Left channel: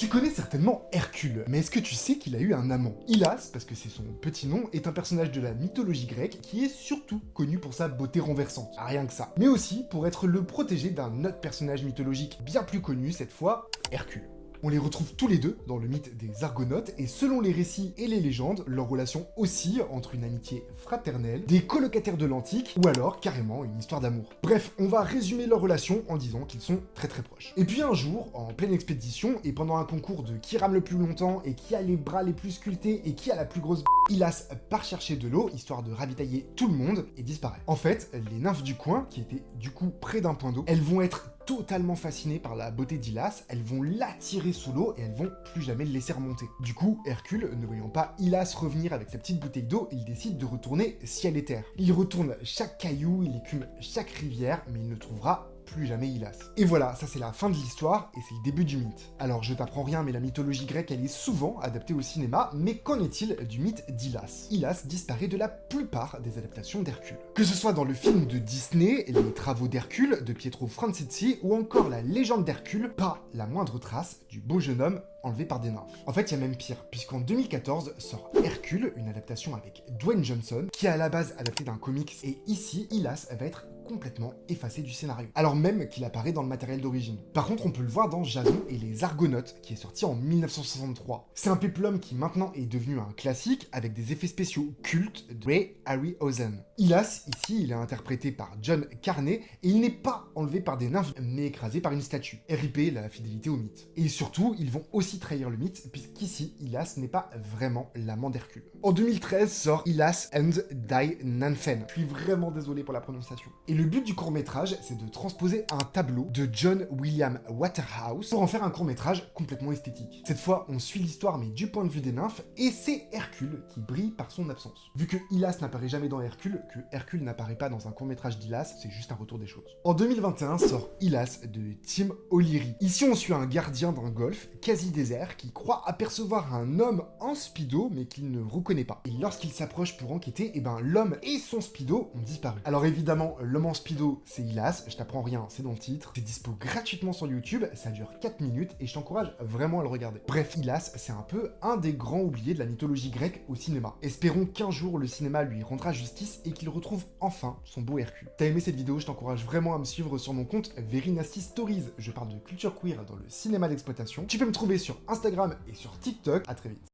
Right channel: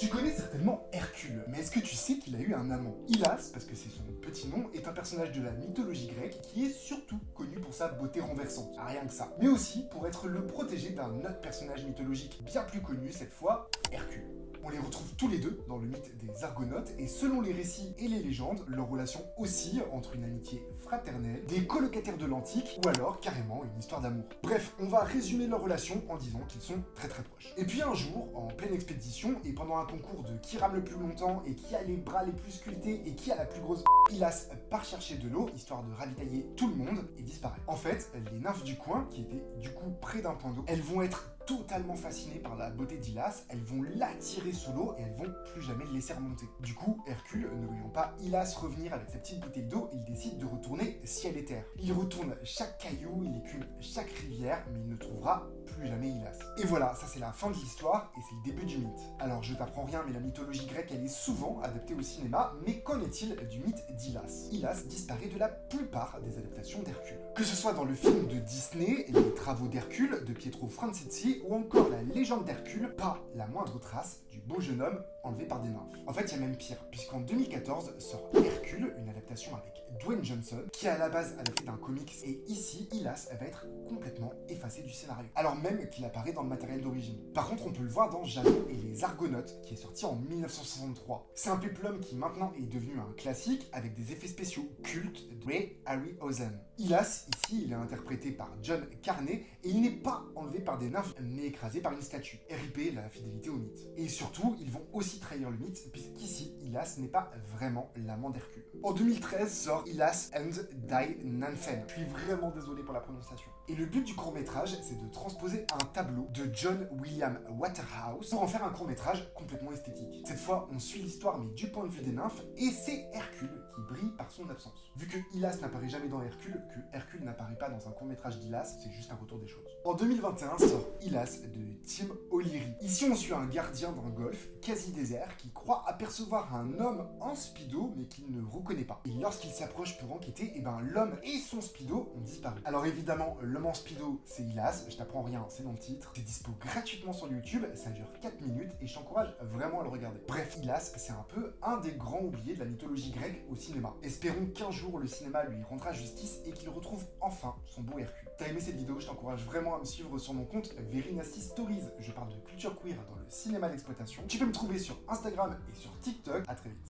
Tu connais certainement Hercule, mais est-ce que tu sais qu'il a eu un amant? Hylas, parce que c'est son petit nom, est un personnage de la mythologie grecque qui est surtout connu pour sa beauté renversante. Rien que ça. Mais aussi pour être le protégé d'un autre personnage mythologique bien plus connu, cette fois, Hercule. On les retrouve tous les deux dans le mythe des Argonautes, et selon les récits et les légendes, leur relation oscille entre une amitié fraternelle, des colocataires de l'Antique, ou alors carrément une histoire d'amour. Bref, on va résumer leur relation en disant qu'ils sont très proches. Et puis un jour, en pleine expédition, et pendant un concours de qui rame le plus longtemps, et qui a les bras les plus sculptés, et qui a la plus grosse Hylas part chercher de l'eau, histoire de ravitailler tout le monde, et disparaît. En fait, les nymphes du coin, qui étaient du coup près d'un point d'eau, elles vont être totalement fascinées par la beauté d'Hylas, elles vont l'attirer sous l'eau et elles vont plus jamais le laisser remonter. Du coup, Hercule, ne voyant pas Hylas revenir avec sa petite bouteille d'eau, il décide de retourner ciel et terre. Il retourne chaque caillou, il écume chaque rivière, mais il ne trouvera plus jamais Hylas. Et voilà, ça c'est la fin de l'histoire et c'est le début du mythe. Alors je t'apprends rien, mais la mythologie grecque elle est souvent adaptée au cinéma, mais qu'en est-il du mythe d'Hylas? Hylas disparaît de la plupart des adaptations d'Hercule. Que ce soit dans le film de Disney, Les Travaux d'Hercule de Pietro Franzizzi, ou encore la légende d'Hercule, pas la moindre trace du beau jeune homme enlevé par des nymphes. En fait, il y a même pire, puisqu'en 2014 sort Hercule, une adaptation avec Dwayne Johnson, qui est à la base adapté d'un comics, et ici, Hylas va être complètement effacé du scénario, alors même qu'il apparaît dans le matériel d'origine. Par contre, on peut le voir dans Jason et les Argonautes, qui est sorti en 1963. C'est un péplum qui maintenant est devenu un classique, avec des effets spéciaux cultes de Ray Harryhausen. Hylas, ici, il est interprété par John Carney, et il n'est pas enlevé par des nymphes, mais écrasé par une statue. RIP, la fidélité au mythe. Et surtout, ils vont aussi trahir le mythe, puisqu'ici, Hylas n'est pas vraiment l'amant d'Hercule. En 2013 sort Hylas and Die Nymphen. Je suis vraiment désolé pour la prononciation. Et le but du court-métrage, c'est de transposer un tableau de John William Waterhouse pour en faire un court-métrage complètement esthétique. Cette fois, on suit l'histoire, mais du point de vue des nymphes, et c'est Hercule qui brille par son absence. Vu que Hylas n'apparaît jamais dans Hercule, que Hercule n'apparaît pas dans un court-métrage d'Hylas, c'est juste un retour des choses. En 2021 sort Hylas de Tim O'Leary. Ici, on suit un gardien d'un golfe quasi désert qui croit apercevoir un homme en speedo mais qu'il ne reconnaît pas. Et lorsqu'il s'approche pour enquêter, l'homme et son speedo ont disparu. Alors évidemment, l'homme en speedo, c'est Hylas, je t'apprends rien, c'est dans le titre. C'est dispo gratuitement sur YouTube, ça dure 4 minutes et je t'encourage vraiment à le regarder. Bref, Hylas, c'est un peu un des grands oubliés de la mythologie grecque au cinéma. Espérons qu'un jour le cinéma lui rendra justice et qu'il retrouve enfin son beau Hercule. T'as aimé cette vidéo, je t'encourage vraiment à me suivre sur mon compte Very Nasty Stories. Je parle de culture queer dans le cinéma d'exploitation. Tu peux me trouver sur Instagram et sur TikTok. À très vite.